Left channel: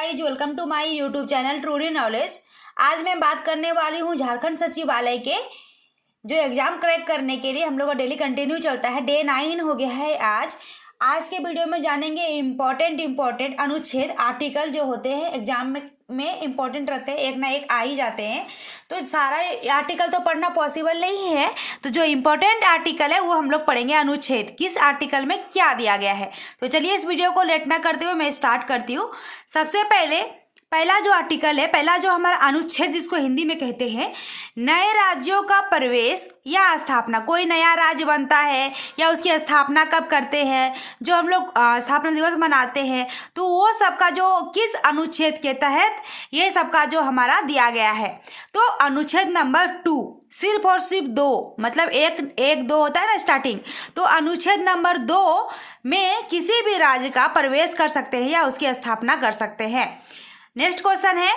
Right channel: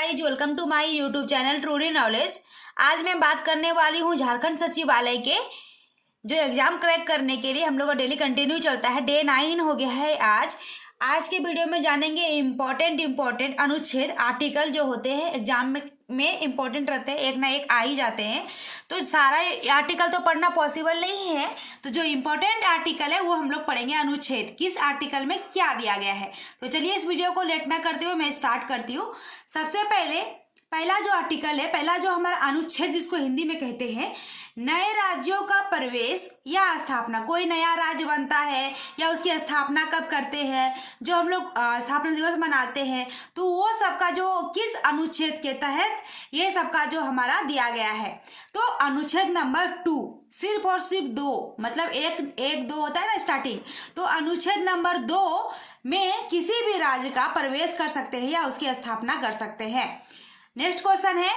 Guys welcome to my YouTube channel Truly Knowledge. आज मैं बात करने वाली हूँ झारखंड सचिवालय के जो एग्ज़ाम क्रैक करने के लिए हम लोग का डेली कंटिन्यू चलता है। डे 9 हो गया है आज के वीडियो में जानेंगे इम्पोर्टेंट अनुच्छेद आर्टिकल जो होते हैं एग्जाम में इम्पोर्टेंट रहते हैं, एक ना एक आ ही जाते हैं। तो सारा आर्टिकल तो पढ़ना पॉसिबल नहीं है, तो जो इम्पोर्टेंट आर्टिकल है वो हम लोग पढ़ेंगे। अनुच्छेद किस आर्टिकल में क्या दिया गया है। तो चलिए इस वीडियो को लेट ना करते हुए मैं स्टार्ट करती हूँ। सबसे पहला जो आर्टिकल है, पहला जो हमारा अनुच्छेद जिसको हिंदी में कहते हैं, नए राज्यों का प्रवेश या स्थापना। कोई नया राज्य बनता है या उसकी स्थापना कब करते हैं, जो हम लोग स्थापना दिवस मनाते हैं, तो वो सबका जो किस अनुच्छेद के तहत ये सबका जो हमारा दिया गया है। तो अनुच्छेद नंबर 2, सिर्फ और सिर्फ 2, मतलब एक 2 होता है ना स्टार्टिंग। तो अनुच्छेद नंबर 2 में किसी भी राज्य का प्रवेश कर सकते हैं या उसकी स्थापना कर सकते हैं। नेक्स्ट क्वेश्चन है,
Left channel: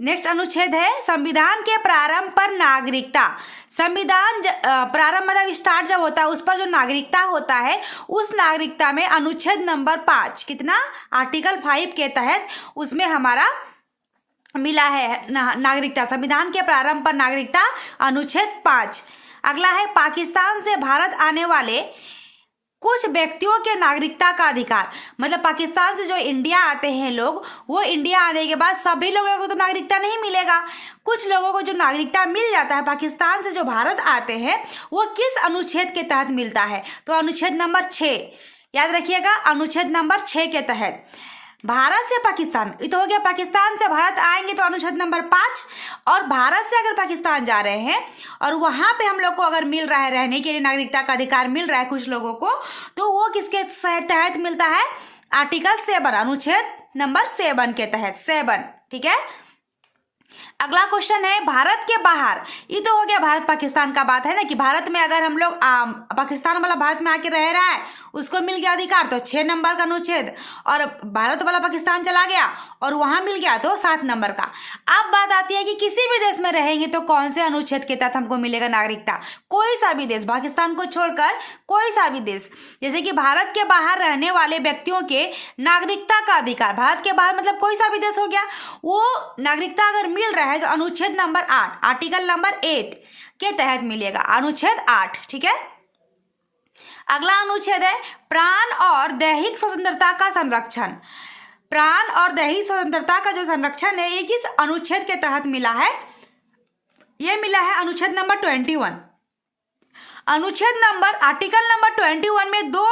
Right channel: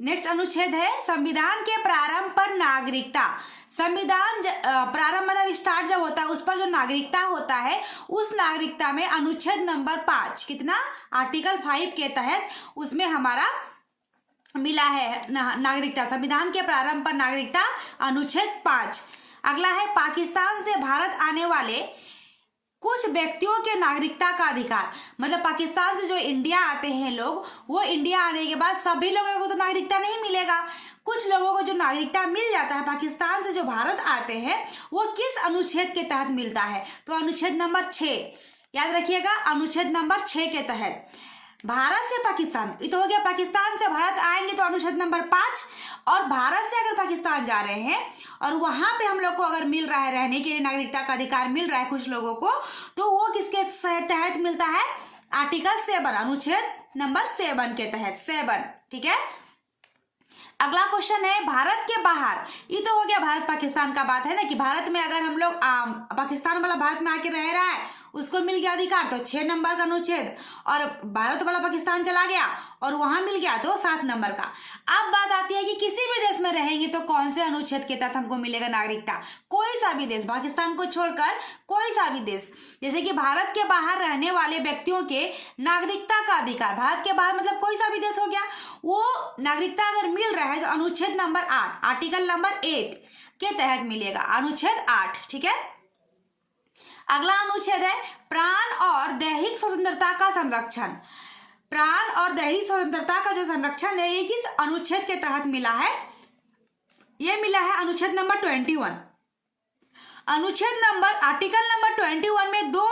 नेक्स्ट अनुच्छेद है संविधान के प्रारंभ पर नागरिकता। संविधान प्रारंभ मतलब स्टार्ट जब होता है उस पर जो नागरिकता होता है, उस नागरिकता में अनुच्छेद नंबर 5 कितना आर्टिकल 5 के तहत उसमें हमारा मिला है नागरिकता। संविधान के प्रारंभ पर नागरिकता अनुच्छेद 5। अगला है पाकिस्तान से भारत आने वाले कुछ व्यक्तियों के नागरिकता का अधिकार। मतलब पाकिस्तान से जो इंडिया आते हैं लोग, वो इंडिया आने के बाद सभी लोगों को तो नागरिकता नहीं मिलेगा। कुछ लोगों को जो नागरिकता मिल जाता है पाकिस्तान से जो भारत आते हैं, वो किस अनुच्छेद के तहत मिलता है। तो अनुच्छेद नंबर 6 याद रखिएगा। अनुच्छेद नंबर 6 के तहत भारत से पाकिस्तान, ये तो हो गया पाकिस्तान से भारत आएंगे तो अनुच्छेद नंबर 5। और भारत से अगर पाकिस्तान जा रहे हैं और वहां पे हम लोग को अगर मिल रहा है रहने के लिए नागरिकता का अधिकार मिल रहा है कुछ लोगों को, तो वो किसके तहत मिलता है, आर्टिकल 7 अनुच्छेद नंबर 7 के तहत 7। ठीक है। अगला क्वेश्चन है भारत के बाहर। ये तो हो गया भारत पाकिस्तान का बात है ना, कि भारत में अगर हम लोग पाकिस्तान वाला भारत में आके रह रहा है उसको मिल गया अधिकार तो 6 नंबर का अनुच्छेद, और भारत वाला पाकिस्तान चला गया और वहां मिल गया तो 7 नंबर का। अब बात आती है कि किसी भी देश में रहेंगे तो कौन से अनुच्छेद के तहत हमको मिलेगा नागरिकता। कोई सा भी देश, पाकिस्तान को छोड़कर कोई सा भी देश, जैसे कि भारत के बाहर रहने वाले व्यक्तियों के नागरिकता का अधिकार। भारत के बाहर मतलब कोई सा भी देश हो गया, वो नागरिकता अगर मिल रहा है तो अनुच्छेद नंबर 8 आर्टिकल नंबर 8 के तहत मिलेगा, अनुच्छेद 8। ठीक है। अगला अनुच्छेद है प्राण और दैहिक स्वतंत्रता का संरक्षण। प्राण और दैहिक स्वतंत्रता का जो संरक्षण है ये किस अनुच्छेद के तहत मिला है, ये मिला है अनुच्छेद नंबर 21। अनुच्छेद नंबर आर्टिकल नंबर 21 में दो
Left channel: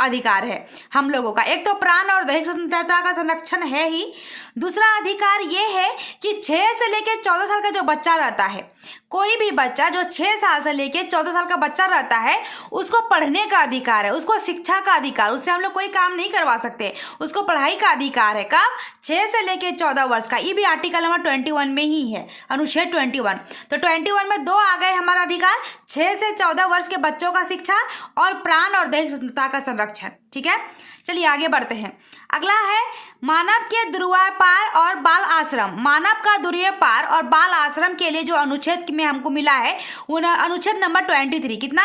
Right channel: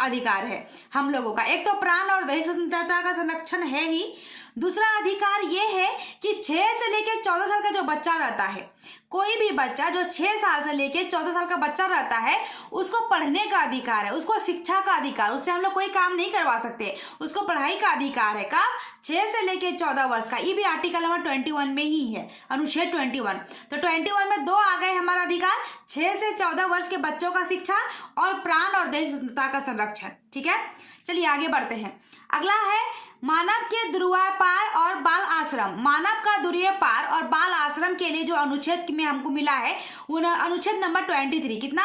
अधिकार है हम लोगों का। एक तो प्राण और दैहिक स्वतंत्रता का संरक्षण है ही, दूसरा अधिकार ये है कि 6 से लेकर 14 साल का जो बच्चा रहता है, कोई भी बच्चा जो 6 साल से लेकर 14 साल का बच्चा रहता है, उसको पढ़ने का अधिकार है, उसको शिक्षा का अधिकार, उससे हम लोग कोई काम नहीं करवा सकते, उसको पढ़ाई का अधिकार है। कब, 6 से लेकर 14 वर्ष का। ये भी आर्टिकल नंबर 21 में ही है, अनुच्छेद 21। तो 21 में 2 आ गए हमारा अधिकार, 6 से 14 वर्ष के बच्चों का शिक्षा और प्राण और दैहिक स्वतंत्रता का संरक्षण। ठीक है। चलिए आगे बढ़ते हैं। अगला है मानव के ध्रुवीय पार और बाल आश्रम। मानव का ध्रुवीय पार और बाल आश्रम के लिए जो अनुच्छेद में हमको मिला है वो अनुच्छेद नंबर 23। कितना,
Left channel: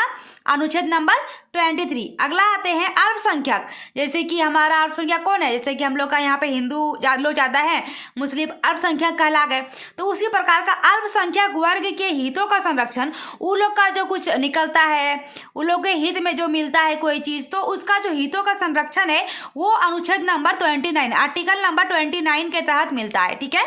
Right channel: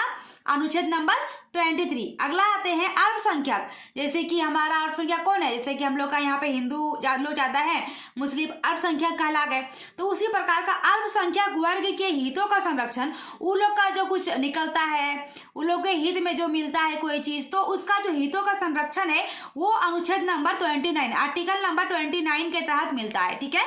अनुच्छेद नंबर 23। अगला आते हैं अल्पसंख्यक। जैसे कि हमारा अल्पसंख्यक कौन है, जैसे कि हम लोग का यहाँ पे हिंदू लोग ज्यादा है, मुस्लिम अल्पसंख्यक कहला गए। तो उसी प्रकार का अल्पसंख्यक वर्ग के हितों का संरक्षण, उन लोग का जो कुछ निकलता है, उन लोग के हित में जो मिलता है कोई चीज, तो उसका जो हितों का संरक्षण है वो अनुच्छेद नंबर 29 आर्टिकल नंबर 29 के तहत मिलता है। ठीक है।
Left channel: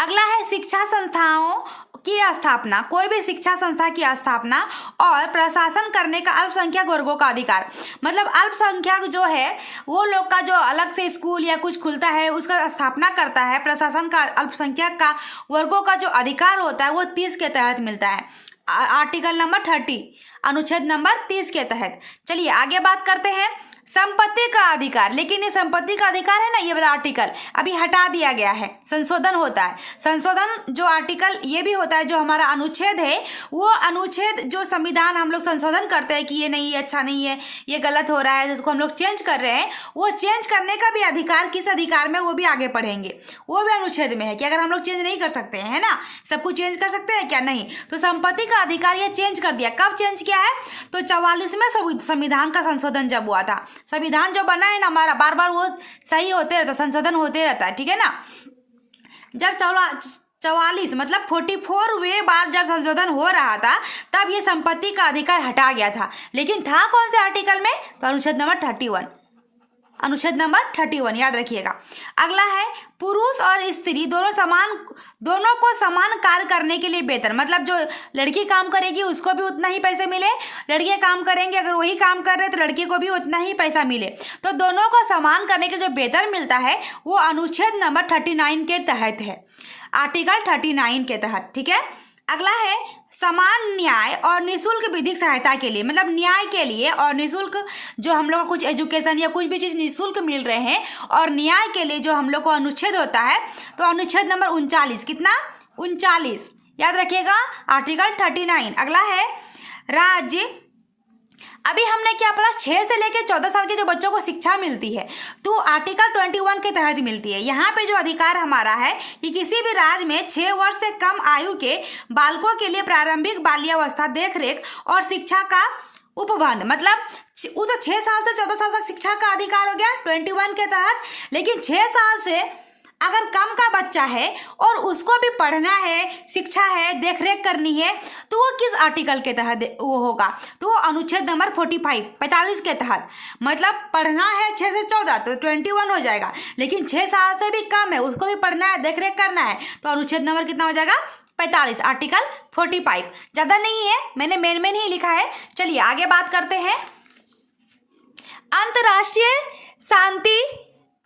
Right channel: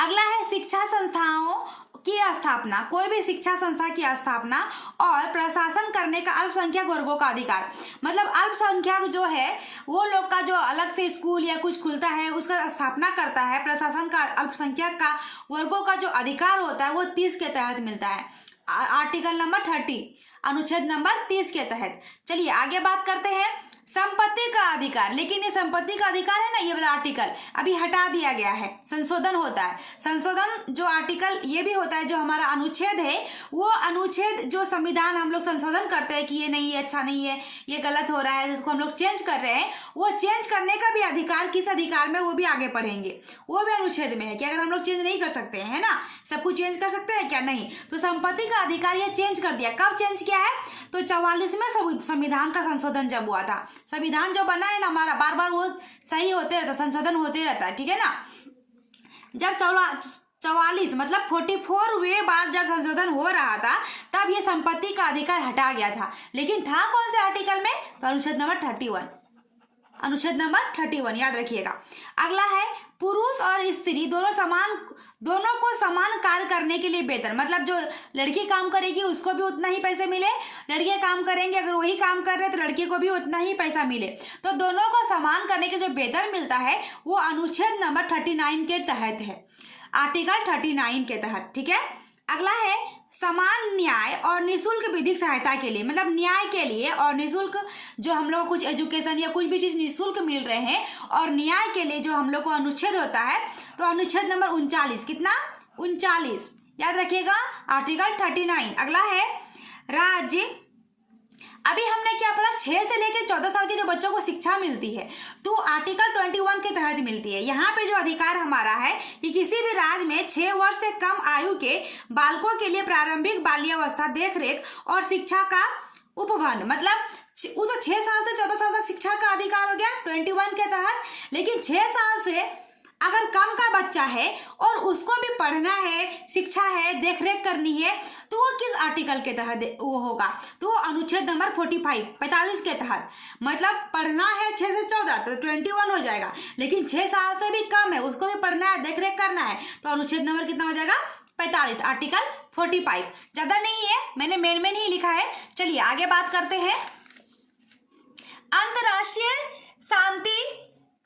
अगला है शिक्षा संस्थाओं की स्थापना। कोई भी शिक्षा संस्था की स्थापना और प्रशासन करने का अल्पसंख्यक वर्गों का अधिकार। मतलब अल्पसंख्यक जो है वो लोग का जो अलग से स्कूल या कुछ खुलता है उसका स्थापना करता है, प्रशासन का अल्पसंख्यक का वर्गों का जो अधिकार होता है वो 30 के तहत मिलता है, आर्टिकल नंबर 30 अनुच्छेद नंबर 30 के तहत। चलिए आगे बात करते हैं संपत्ति का अधिकार। लेकिन ये संपत्ति का अधिकार है ना, ये वाला आर्टिकल अभी हटा दिया गया है, संशोधन होता है। संशोधन जो आर्टिकल ये भी होता है, जो हमारा अनुच्छेद है वो अनुच्छेद जो संविधान हम लोग संशोधन करते हैं कि ये नहीं, ये अच्छा नहीं है, ये गलत हो रहा है, जिसको हम लोग चेंज कर रहे हैं, वो चेंज करने का भी अधिकार किस अधिकार में, वो भी आगे पढ़ेंगे। वो भी अनुच्छेद में है कि अगर हम लोग चेंज नहीं कर सकते हैं, है ना, सब कुछ चेंज कर सकते हैं क्या, नहीं। तो संपत्ति का अधिकार ये चेंज कर दिया। कब चेंज किया है, तो 44वें संविधान का संशोधन जब हुआ था संविधान जो बना है ना हमारा, बार बार वो सही होते रहता, संशोधन होते रहता है, ठीक है ना। जब 44 मतलब 44वें बार जब संशोधन हो रहा था तब ये संपत्ति का अधिकार हटा गया था, लेकिन था कौन से आर्टिकल में? तो अनुच्छेद नंबर 31, अनुच्छेद नंबर 31 याद रखिएगा। अगला है पुरुष और स्त्री दोनों को समान कार्य करने के लिए वेतन, मतलब जो लड़की काम करेगी उसको भी उतना ही पैसे मिले, लड़के काम करेंगे अगर वही काम कर रहे तो लड़के को भी उतना ही पैसा मिले। तो दोनों को समान करने के जो वेतन मिलता है वो अनुच्छेद नंबर 39 के तहत है, आर्टिकल 39 के तहत, ठीक है। अगला है समान न्याय और निःशुल्क विधिक सहायता के लिए, मतलब न्याय के लिए और निःशुल्क जो हम लोग को कुछ एजुकेशन या कुछ भी चीज़ निःशुल्क मिल रहे हैं और न्याय के लिए जो हम लोग को अनुच्छेद होता है, तो अनुच्छेद नंबर 39, कितना? 39 याद रखिएगा, आर्टिकल 39। अगला है राज्य, अभी हमने क्या पढ़ा, 6 से लेकर 14 साल के जो बच्चों को शिक्षा मिलती है तो आर्टिकल 21 के तहत मिलती है। यहाँ पे जो अधिकार हमारा है कि किसी भी राज्य में 6 वर्ष से कम आयु के बालकों के लिए प्रारंभिक बाल्यावस्था, देखरेख और शिक्षा का उपबंध, मतलब वो तो 6 साल से 14 साल तक शिक्षा का अधिकार हो गया 21 के तहत, लेकिन 6 साल से अगर कम का बच्चा है और उसको भी पढ़ना है, शिक्षा है, देखरेख करनी है, तो वो किस आर्टिकल के तहत वो होगा? तो अनुच्छेद नंबर 45 के तहत, मतलब पढ़ना है 6 से 14 तो 21 हो जाएगा, लेकिन 6 साल से भी कम है उसको भी पढ़ना है, देखरेख करना है, तो अनुच्छेद नंबर कितना हो जाएगा? 45, आर्टिकल 45। ज़्यादा नहीं है, मैंने मेन ही लिखा है। चलिए आगे बात करते हैं।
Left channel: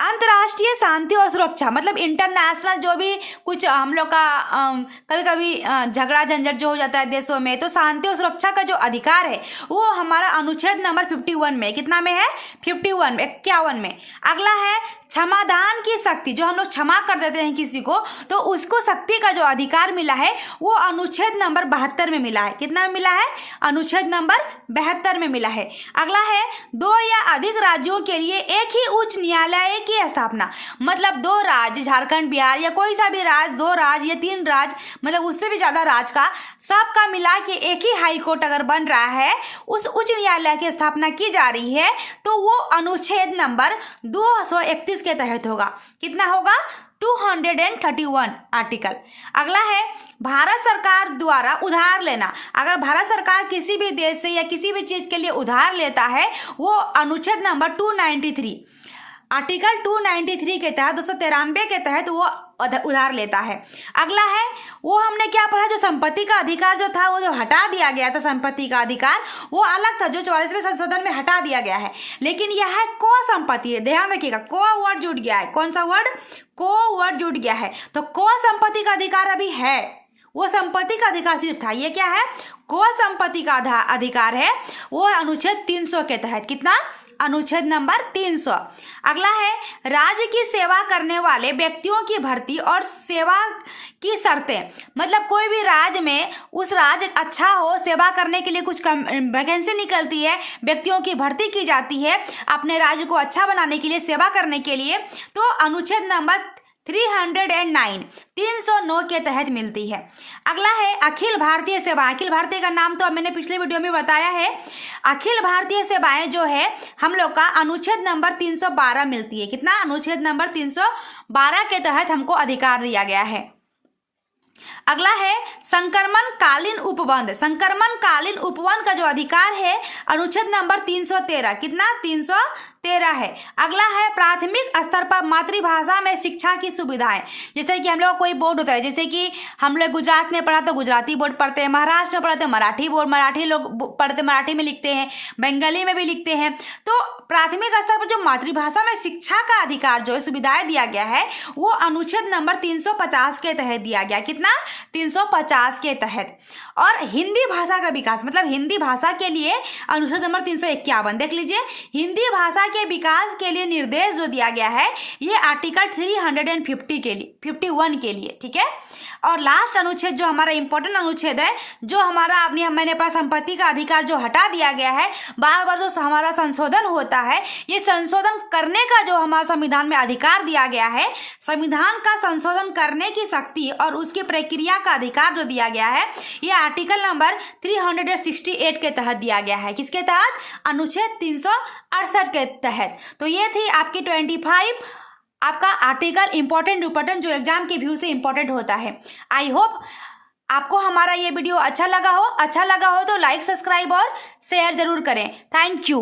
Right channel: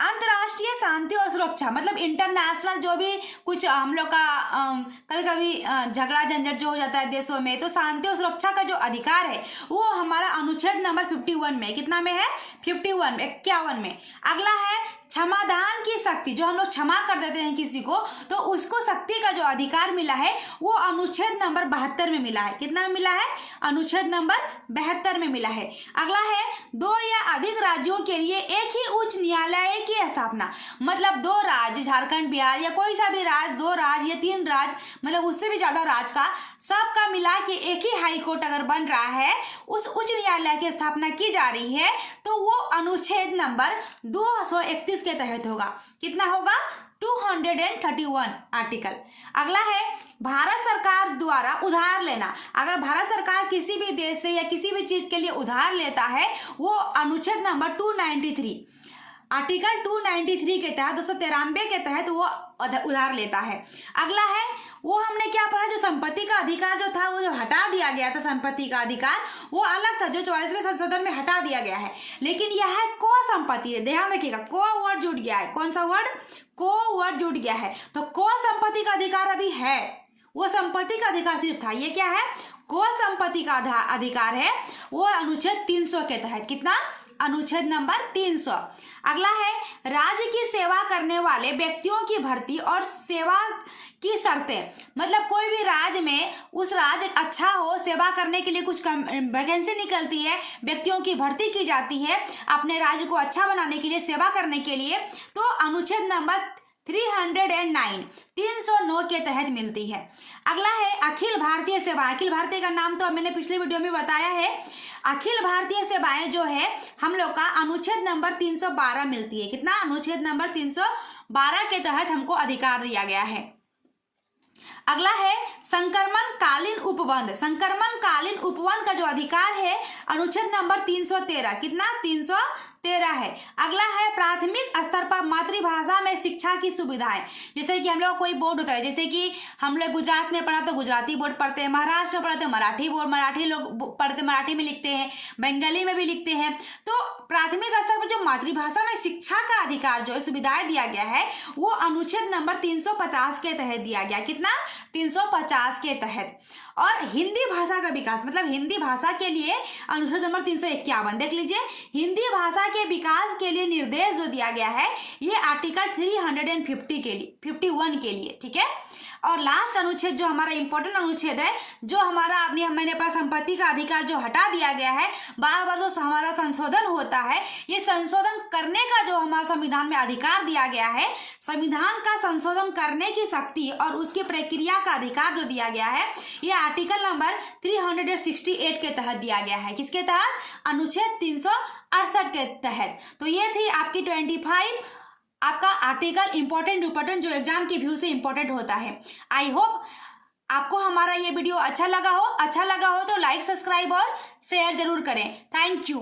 अंतर्राष्ट्रीय शांति और सुरक्षा, मतलब इंटरनेशनल जो भी कुछ हम लोग का कभी कभी झगड़ा झंझट जो हो जाता है देशों में, तो शांति और सुरक्षा का जो अधिकार है वो हमारा अनुच्छेद नंबर 51 में, कितना में है? 51 में। अगला है क्षमादान की शक्ति, जो हम लोग क्षमा कर देते हैं किसी को तो उसको शक्ति का जो अधिकार मिला है वो अनुच्छेद नंबर 72 में मिला है। कितना में मिला है? अनुच्छेद नंबर 72 में मिला है। अगला है 2 या अधिक राज्यों के लिए एक ही उच्च न्यायालय की स्थापना, मतलब 2 राज्य, झारखंड, बिहार या कोई सा भी राज्य, 2 राज्य या 3 राज्य, मतलब उससे भी ज्यादा राज्य का सबका मिला के एक ही हाई कोर्ट अगर बन रहा है, उस उच्च न्यायालय की स्थापना की जा रही है, तो वो अनुच्छेद नंबर 231 के तहत होगा। कितना होगा? 231 आर्टिकल। अगला है भारत सरकार द्वारा उधार लेना, अगर भारत सरकार किसी भी देश से या किसी भी चीज के लिए उधार लेता है वो अनुच्छेद नंबर 293, आर्टिकल 293 के तहत, 293 के तहत वो उधार लेता है। अगला है वो हमने क्या पढ़ा, जो संपत्ति का अधिकार जो था वो जो हटा दिया गया था, संपत्ति का अधिकार वो अलग था, जो 44वें संशोधन में हटा दिया गया है, लेकिन यह है को संपत्ति है। ध्यान रखिएगा, को वर्ड जुड़ गया है। कौन सा वर्ड? को वर्ड जुड़ गया है, तो को संपत्ति का अधिकार अभी है, वो संपत्ति का अधिकार सिर्फ था। ये क्या है? को संपत्ति का अधिकार है, वो अनुच्छेद 300 के तहत। कितना? अनुच्छेद नंबर 300। अगला है राज्य की सेवा करने वाले व्यक्तियों की भर्ती और सेवा की शर्तें, मतलब कोई भी राज्य में उस राज्य अच्छा हो, सेवा करने के लिए कुछ वैकेंसी निकलती है, व्यक्तियों की भर्ती की जाती है अपने राज्य को अच्छा बनाने के लिए, सेवा करने के लिए, तो अनुच्छेद नंबर 309 के तहत मिलती है। अगला है अखिल भारतीय सेवा। अखिल भारतीय का नाम तो मैंने पिछले वीडियो में बताया है। अखिल भारतीय सेवाएं जो है हम लोग का अनुच्छेद नंबर 312 मिलती है। कितना? अनुच्छेद नंबर 312 के तहत हमको अधिकार दिया गया है। अगला है संक्रमण कालीन उपबंध। संक्रमण कालीन उपबंध का जो अधिकार है अनुच्छेद नंबर 313। कितना? 313 है। अगला है प्राथमिक स्तर पर मातृभाषा में शिक्षा की सुविधाएं, जैसे कि हम लोग कोई बोर्ड होता है, जैसे कि हम लोग गुजरात में पढ़ा तो गुजराती बोर्ड पढ़ते हैं, महाराष्ट्र में पढ़ा तो मराठी बोर्ड, मराठी लोग पढ़ते मराठी में लिखते हैं, बंगाली में भी लिखते हैं। तो प्राथमिक स्तर पर जो मातृभाषा में शिक्षा का अधिकार जो सुविधाएं दिया गया है वो अनुच्छेद नंबर 350 के तहत दिया गया। कितना? 350 के तहत। और हिंदी भाषा का विकास, मतलब हिंदी भाषा के लिए अनुच्छेद नंबर 351। देख लीजिए, हिंदी भाषा के विकास के लिए निर्देश जो दिया गया है ये आर्टिकल 350 के लिए, 51 के लिए, ठीक है। और लास्ट अनुच्छेद जो हमारा इंपॉर्टेंट अनुच्छेद है, जो हमारा मैंने अपना संपत्ति का अधिकार जो हटा दिया गया है, बार बार जो हमारा संशोधन होता होता है, ये संशोधन करने का जो हमारे संविधान में अधिकार दिया गया है, संविधान का संशोधन करने की शक्ति और उसकी प्रक्रिया का अधिकार जो दिया गया है, ये आर्टिकल नंबर 368 के तहत दिया गया है। किसके तहत? अनुच्छेद 368 के तहत। तो ये थी आपकी 25 आपका आर्टिकल इंपॉर्टेंट जो एग्जाम के व्यू से इंपॉर्टेंट होता है। आई होप आपको हमारा ये वीडियो अच्छा लगा हो तो लाइक, सब्सक्राइब और शेयर जरूर करें। Thank you.